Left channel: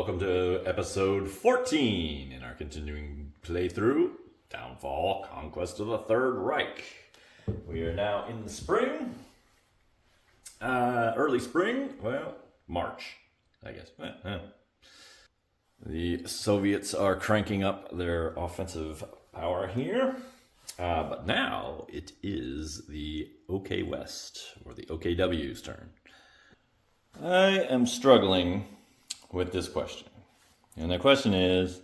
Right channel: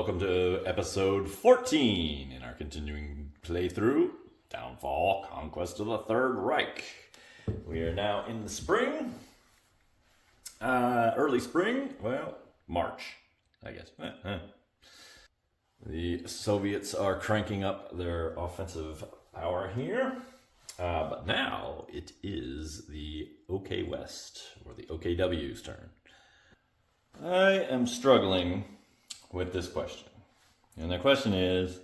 welcome to episode 14 in our continuing playthrough, Downfall, Conquest of the Third Reich. We are now in the spring, early spring, well, March, I guess. The Soviets are cranking up their offensive power here, but now it is the OK West, or the OKW's turn. I am struggling with this question. And the question is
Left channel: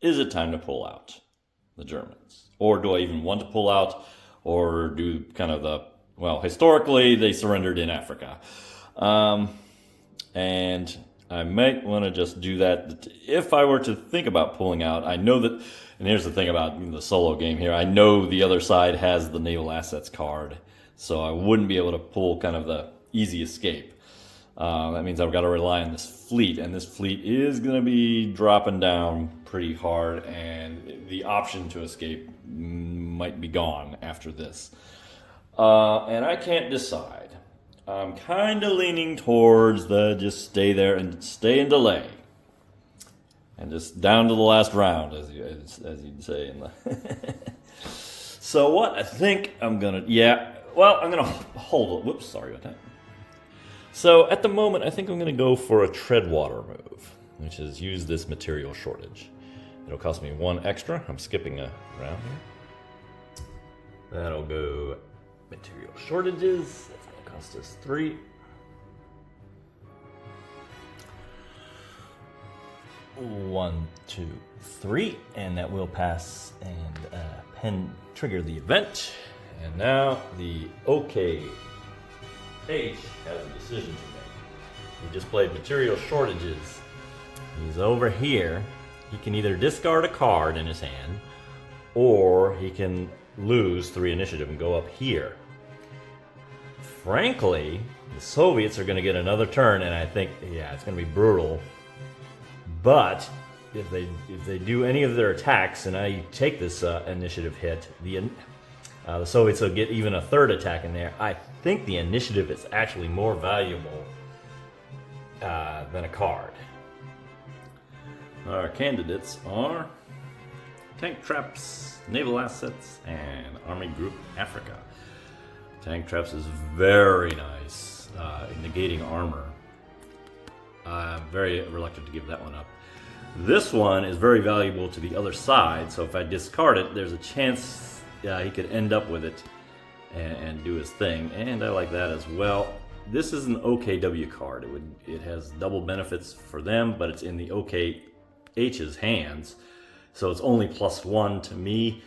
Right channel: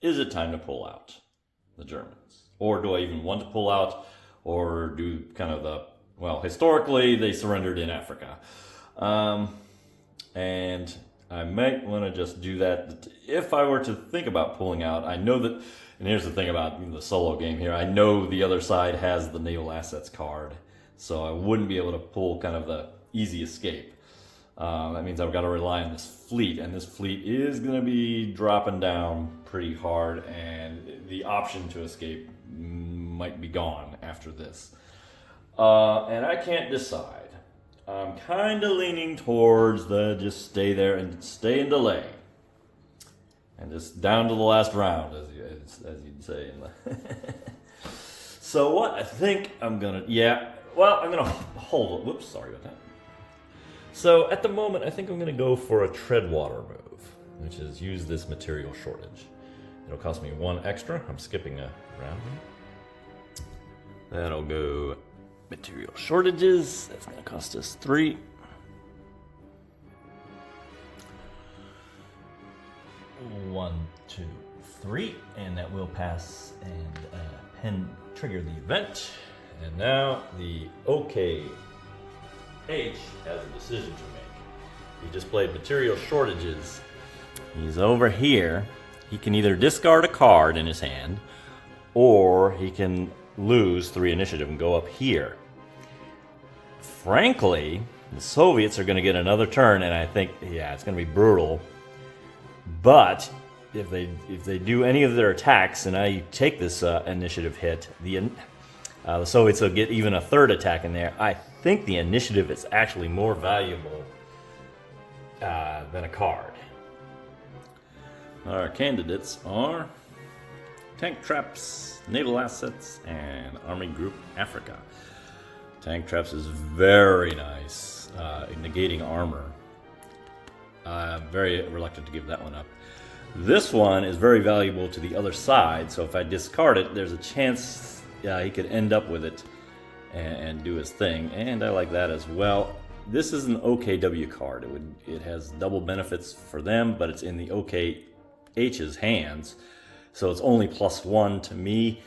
it time to pull out the Germans? Or do I even want to pull out, or do kind of historically they surrendered in Africa. And I might want to just do that. If I were to think about pulling out, I know that, and here's the thing about the solo game here, I know the other side has the naval assets card, so I wouldn't be able to pull kind of the easy escape. That means I've got to rely on this fleet, and this fleet is going to be dropping down pretty hard, and the option to escape might be gone after this. And I can't decide. I'm kind of leaning towards the just stay there and stay and delay. And just down to the last round, as you'd say. So what I think I'm going to, I'm going to hold it. Whoops, sorry about that. So at the moment, I think I'm going to go for a tread water move, which is use this material shortage. It'll cost me 1 extra. I'm skipping a round here. That'll go material shortages. That's going to cost us 3. 1, 2, 3, and that will pass and trigger the event. And now the OK H has a decision to make. He just played material shortages. He's over here. He can either discard a card in his hand, or he can lose 3 initiative and go up here. Frankly, the Soviets are going to get another turn, and I think, it's going to be brutal. But if they do any of their attacks, and I take this initiative hit, the Soviets will get even a 3rd attack in there. I think the initiative is actually more valuable than a card. Our candidates are Tank Traps, Naval Assets, and Army Group Africa. Tank Traps is very nice, negating armor. I'm very reluctant to give that one up. This one is very valuable to the other side, so if I discard it, there's a chance he could end up with it and do his thing, and I like that as well. This is an OKW card. It has double benefits for them, but it's in the OKH's hands, so it's only +1 to me.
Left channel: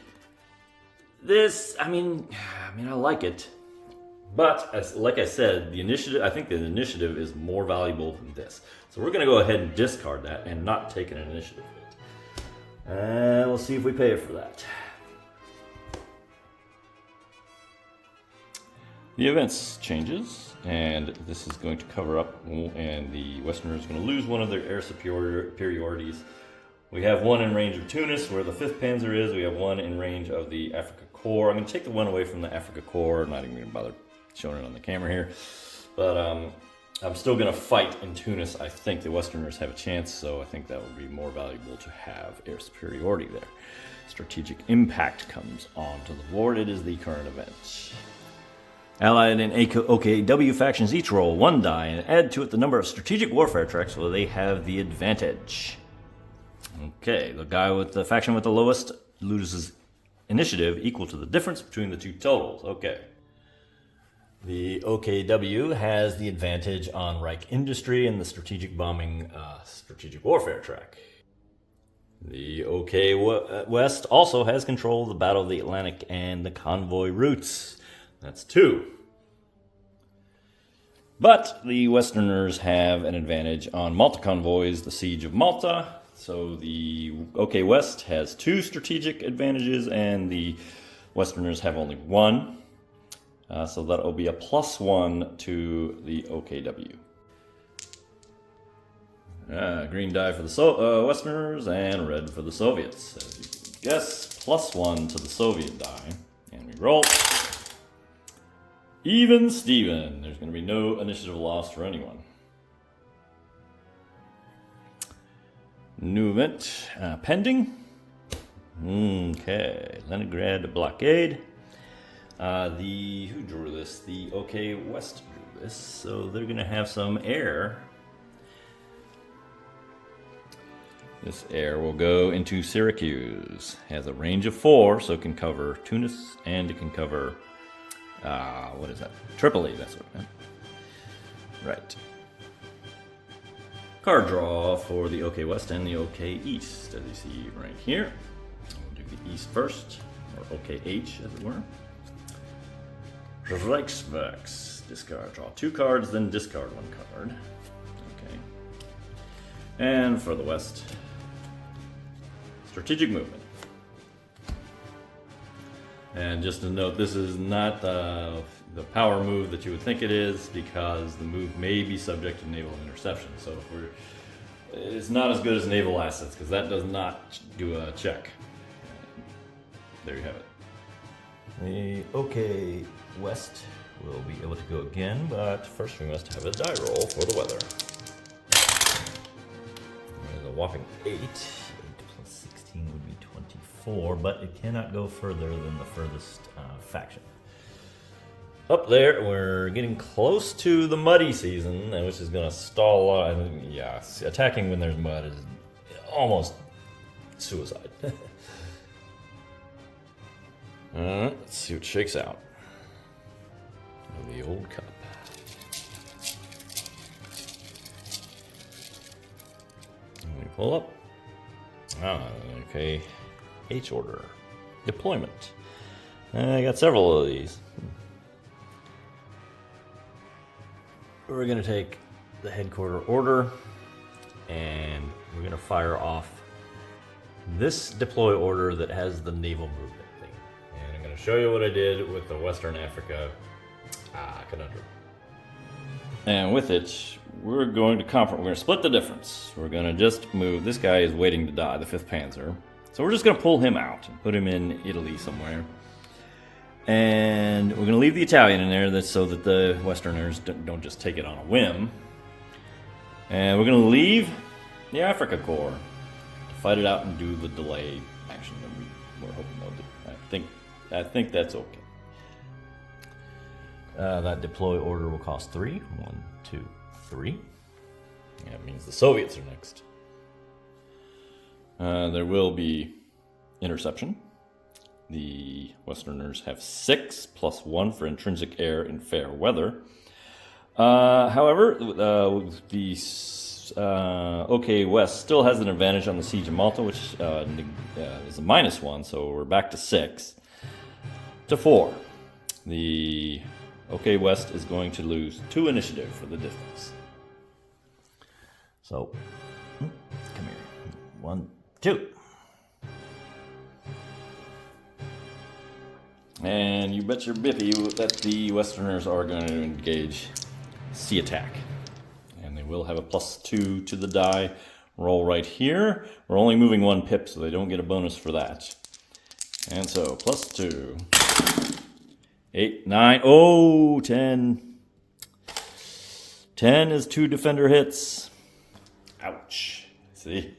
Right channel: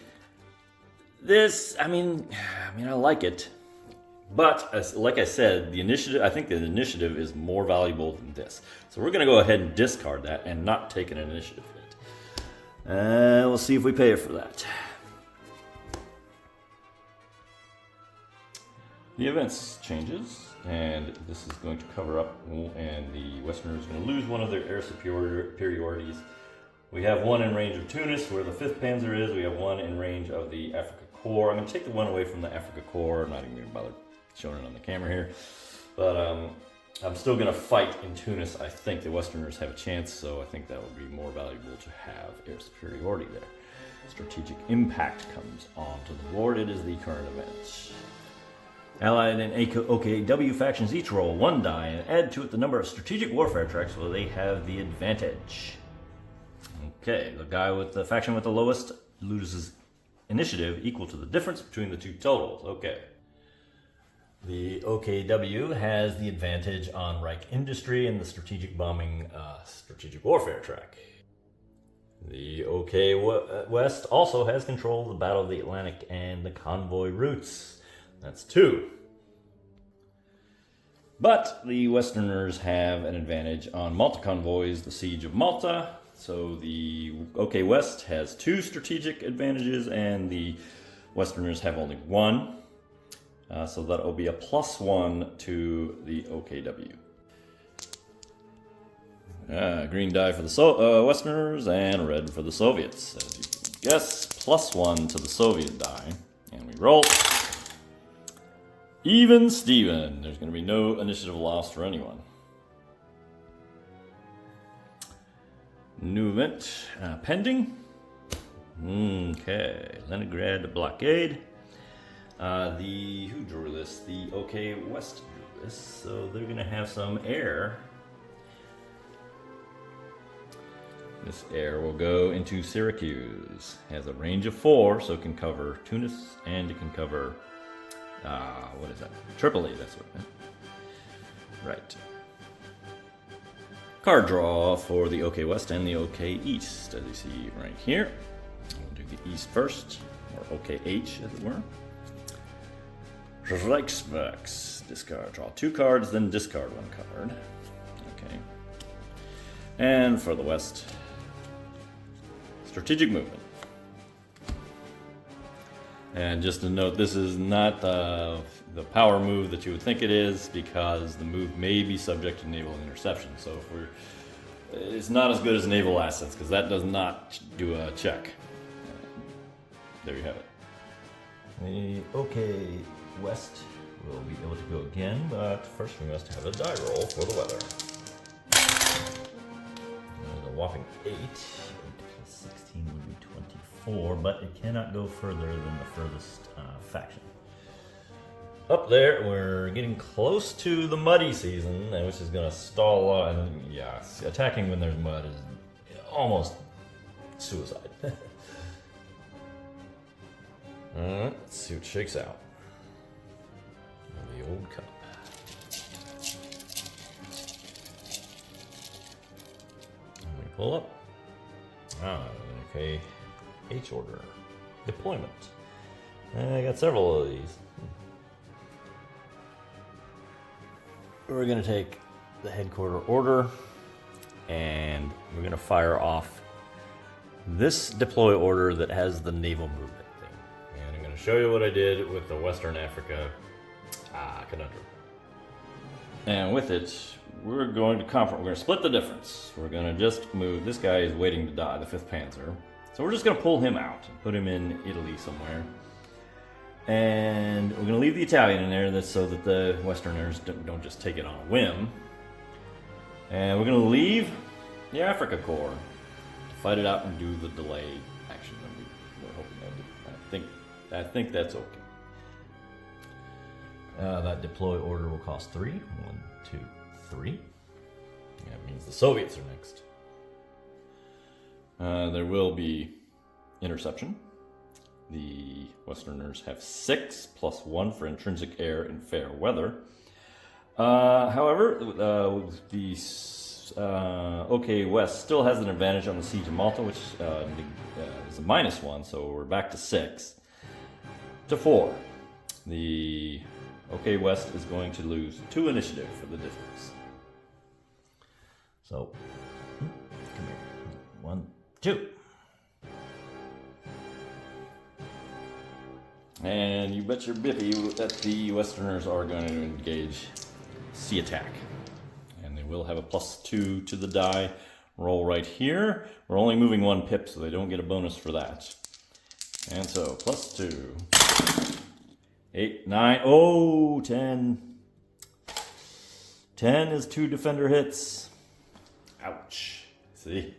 This, I like it, but like I said, the initiative. I think the initiative is more valuable than this, so we're going to go ahead and discard that and not take an initiative hit. And we'll see if we pay it for that. The events changes, and this is going to cover up, and the Westerners are going to lose one of their air superiorities. We have 1 in range of Tunis, where the 5th Panzer is. We have 1 in range of the Africa Corps. I'm going to take the 1 away from the Africa Corps. I'm not even going to bother showing it on the camera here. But I'm still going to fight in Tunis. I think the Westerners have a chance, so I think that would be more valuable to have air superiority there. Strategic impact comes onto the board. It is the current event. Allied and OKW factions each roll 1 die and add to it the number of strategic warfare tracks where they have the advantage. Okay, the guy with the faction with the lowest loses initiative equal to the difference between the 2 totals. Okay. The OKW has the advantage on Reich industry and the strategic bombing strategic warfare track. The OK West also has control of the Battle of the Atlantic and the convoy routes. That's 2. But the Westerners have an advantage on Malta convoys, the Siege of Malta. So the OK West has 2 strategic advantages, and the Westerners have only 1. So that will be a +1 to the OKW. Green die for the Westerners and red for the Soviets. As you can guess, +1 to the Soviet die. And we roll. Even Steven. There's going to be no initiative lost for anyone. New event pending. Okay, Leningrad blockade. Who drew this? The OK West drew this, so they're gonna have some air. This air will go into Syracuse. Has a range of 4, so it can cover Tunis and it can cover what is that? Tripoli. That's what. Right. Card draw for the OK West and the OK East, as you see right here. We'll do the East first, or OKH as it were. Reichswerks. Discard. Draw 2 cards, then discard 1 card. Okay. And for the West, strategic movement. And just to note, this is not the power move that you would think it is, because the move may be subject to naval interception. So it's not as good as naval assets, because that does not do a check. There you have it. The OK West will be able to go again, but first we must have a die roll for the weather. There's a whopping 8. 8 plus 16 would be 24, but it cannot go further than the furthest faction. Up there, we're getting close to the muddy season, which is going to stall. Yeah, attacking when there's mud is almost suicide. Let's see what shakes out. The old cup. I'm going to pull up. Okay. H order. Deployment. I got several of these. We're going to take the headquarter order and we're going to fire off this deploy order that has the naval movement thing. And I'm going to show you what I did with the Western Africa conundrum. And with it, we're going to split the difference. We're going to just move. This guy is waiting to die, the 5th Panzer. So we're just going to pull him out and put him in Italy somewhere. And we're going to leave the Italian in there so that the Westerners don't just take it on a whim. And we're going to leave the Africa Corps to fight it out and do the delay action that we were hoping they'll do. I think that's okay. That deploy order will cost 3. 1, 2, 3. That means the Soviets are next. There will be interception. The Westerners have 6 plus 1 for intrinsic air in fair weather. However, the OK West still has an advantage on the siege of Malta, which is a -1, so we're back to 6 to 4. The OK West is going to lose 2 initiative for the distance. So, come here. 1, 2. And you bet your bippy that the Westerners are going to engage sea attack. And they will have a +2 to the die roll right here. We're only moving 1 pip, so they don't get a bonus for that. And so, +2. 8, 9, oh, 10. 10 is 2 defender hits. Ouch. See?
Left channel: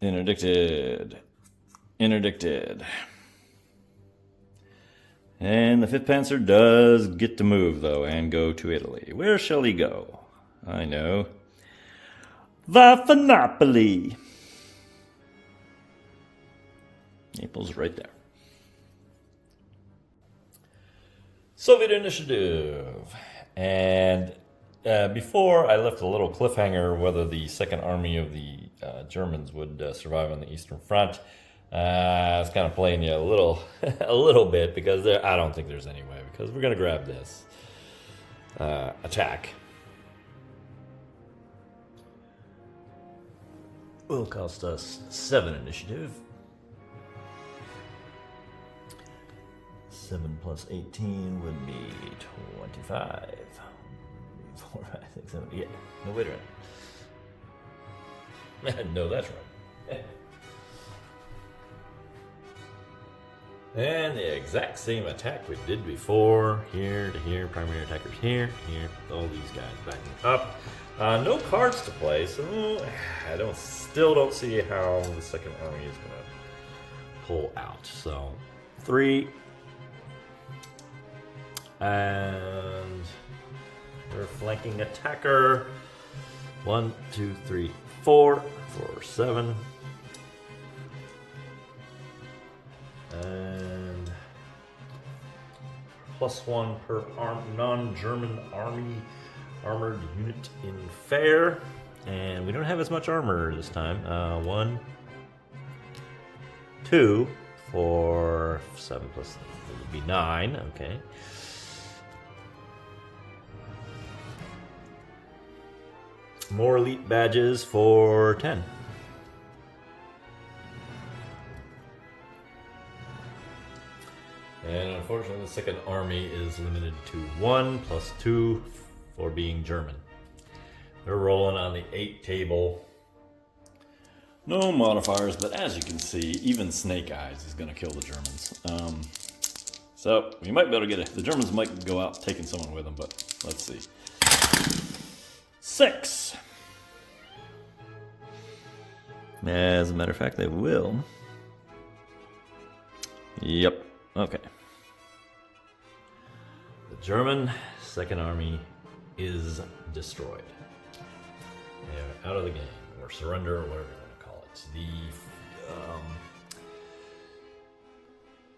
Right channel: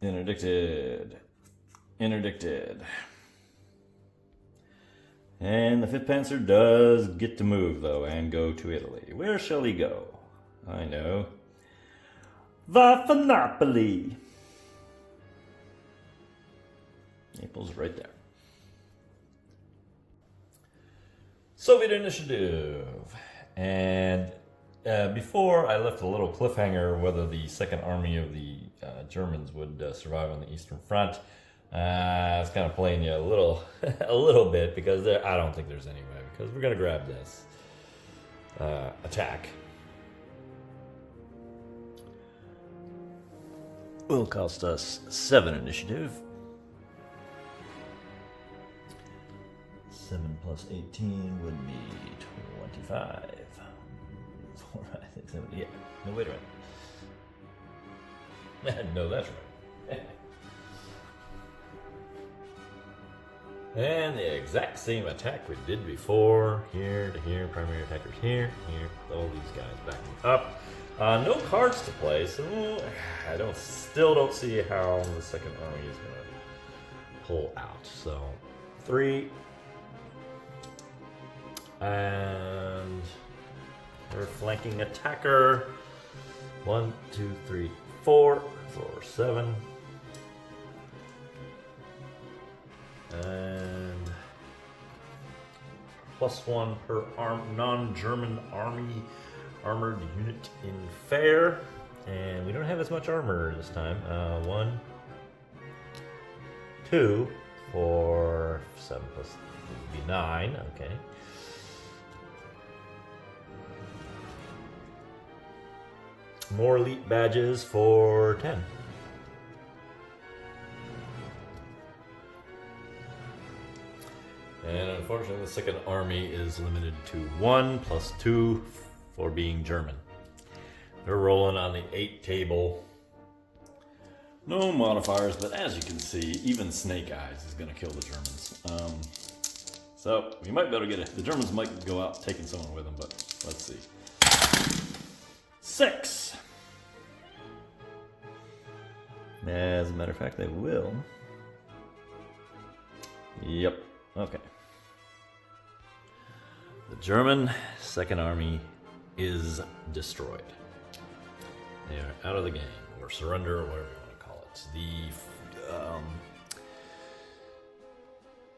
Interdicted. Interdicted. And the 5th Panzer does get to move, though, and go to Italy. Where shall he go? I know. Va for Napoli. Naples right there. Soviet initiative. And before I left a little cliffhanger whether the Second Army of the Germans would survive on the Eastern Front. I was kind of playing you a little bit, because I don't think there's any way, because we're going to grab this attack. Will cost us 7 initiative. 7 plus 18 would be 25. 4, 5, 6, 7, yeah. No, wait a minute. No, that's right. And the exact same attack we did before. Here to here, primary attackers here, here. All these guys backing up. No cards to play, so I still don't see how the second army is going to pull out. So 3. And we're flanking attacker. 1, 2, 3, 4, 7. And +1 per non-German army armored unit in fair. And we don't have as much armor this time. 1, 2 for 7 plus it would be 9. Okay. More elite badges for 10. And unfortunately, the second army is limited to 1 + 2 for being German. They're rolling on the 8 table. No modifiers, but as you can see, even Snake Eyes is going to kill the Germans. So we might be able to get it. The Germans might go out taking someone with them, but let's see. 6. As a matter of fact, they will. Yep. Okay. The German second army is destroyed. They're out of the game, or surrender, or whatever you want to call it.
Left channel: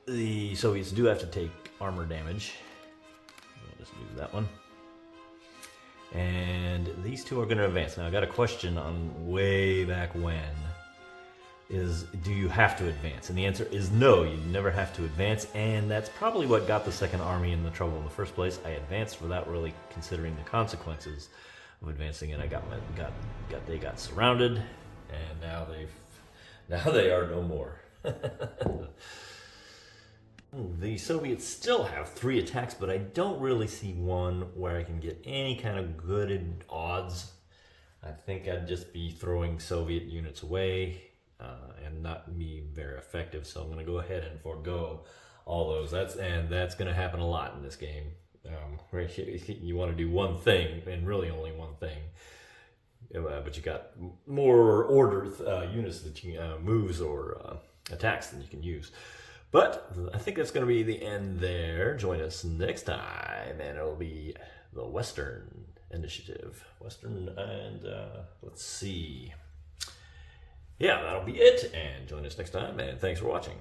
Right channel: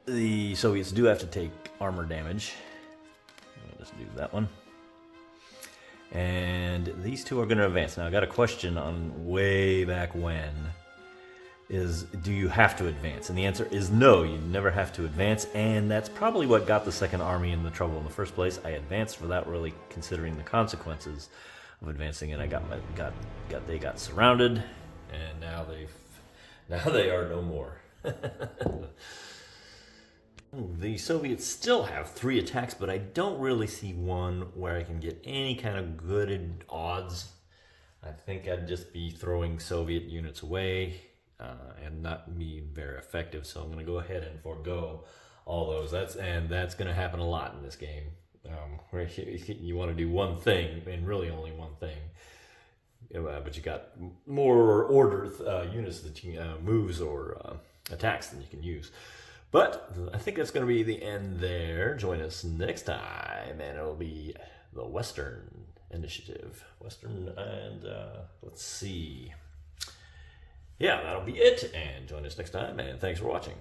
The Soviets do have to take armor damage. I'll just do that one. And these two are going to advance. Now, I got a question on way back when. Do you have to advance? And the answer is no, you never have to advance. And that's probably what got the second army in the trouble in the first place. I advanced without really considering the consequences of advancing, and they got surrounded, and now they are no more. The Soviets still have 3 attacks, but I don't really see one where I can get any kind of good odds. I think I'd just be throwing Soviet units away and not be very effective. So I'm going to go ahead and forego all those. That's going to happen a lot in this game. Where you want to do one thing, and really only one thing. But you got more order units that you moves or attacks than you can use. But I think that's going to be the end there. Join us next time, and it'll be the Western Initiative. Western, and let's see. Yeah, that'll be it. And join us next time, and thanks for watching.